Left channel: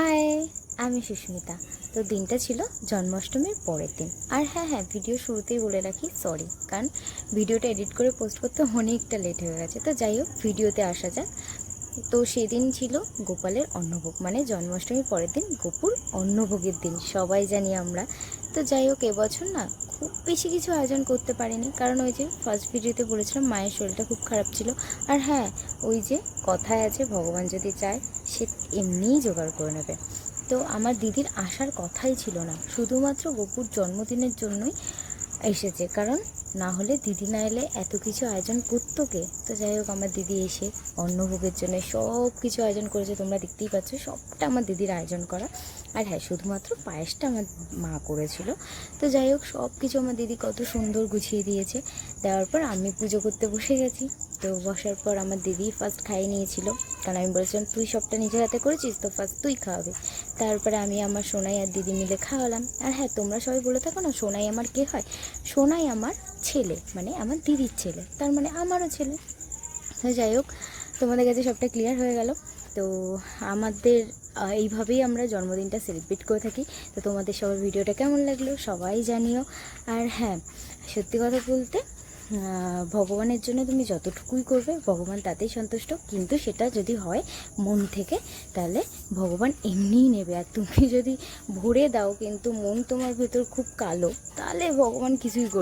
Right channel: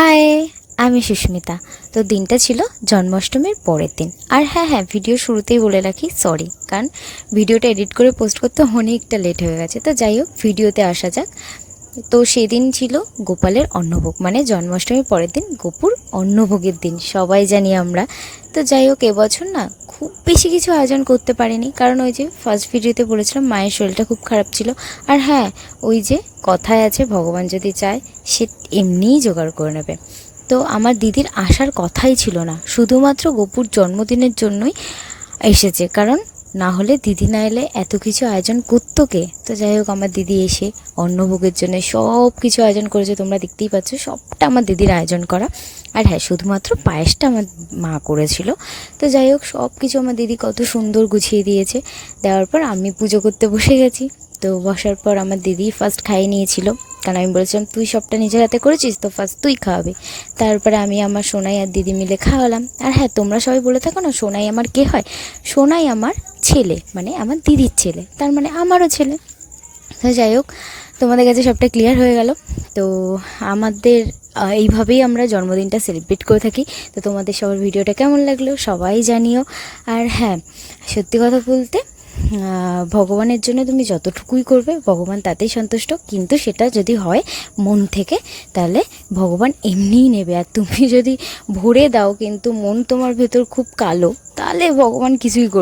High, আমি সুস্মিতা। তো দিনটা ছিল জন্মাষ্টমীর পরের দিন। আর হ্যাঁ, ভিডিও শুরুতেই বলে রাখি সরি, কারণ ভিডিওটা এডিট করে পোস্ট করতে অনেকটা লেট হয়ে গেছে। তো যাই হোক, ভিডিওতে আসা যাক। তো সেদিন ছিল গোপালের অন্নভোগ, মানে জন্মাষ্টমীর পরের দিন গোপুর অন্নভোগের দিন, সবাই জানি আমরা। তো যাই হোক, এবছর না খুব বেশি কিছু আয়োজন করতে পারিনি, কারণ ওই যে ফার্স্ট ভিডিওতে বলেছিলাম মায়ের শরীরটা খুব খারাপ ছিল। আর হ্যাঁ, ওই যে কথায় আছে ভগবান যদি চায় সে এমনিই জোগাড় করে নেবে। তো আমার দিদির আসার কথাই ছিল না, শুধুমাত্র গোপুর জন্মদিনের জন্যই এসেছে, কারণ না হলে দিদি না এলে এত কিছু আয়োজন করতো কে। তো যাই হোক, আমার দিদি এসে অন্নভোগের জন্য সব কিছু আয়োজন করেছে, তোমরা দেখতেই পাচ্ছ সবটা আমার দিদির আয়োজন করা। আর হ্যাঁ, শুধুমাত্র পায়েসটা আমার মা করেছিল। তো যাই হোক, সব কিছু আমার দিদি কত সুন্দর গুছিয়ে দিয়েছে। দেওয়ার পর আমি পুজো করতে বসে গেছি। তো বসার পর আমার দিদি ফার্স্ট খাইয়ে নিয়েছিল, কারণ আমি বলেছিলাম তুই সবটা নিজের হাতে করেছিস তো ফার্স্ট তুই খাওয়াবি। তারপরে আমি আমার সোনাই আর দিদি মিলে খাওয়ালাম। আর হ্যাঁ, তোমরা সবাই বলে থাকো না সোনাই আমার কে হয়। সোনাই আমার ছেলে, মানে আমার দিদির ছেলে, তার মানে আমারও ছেলে। তো যাই হোক, তোমাদের কাছে সবটা ক্লিয়ার হয়ে গেল। তো আমাদের এইভাবেই আমরা জন্মদিনটা সেলিব্রেট করে থাকি। তো তোমাদের সবার ভিডিওটা কেমন লাগলো সবাই জানিও। আর হ্যাঁ, সত্যি কথা বলতে ভগবানের জন্য তুমি যতটুকুই করবে ভগবান তাতেই সন্তুষ্ট, কিন্তু সেটা যদি হয় মন থেকে, তাহলে ভগবান এমনিই নেবে। আর তুমি যদি ভরে দাও কিন্তু মন তোমার ভেতর খুব কালো, তাহলে ভগবান কিছুই করবে।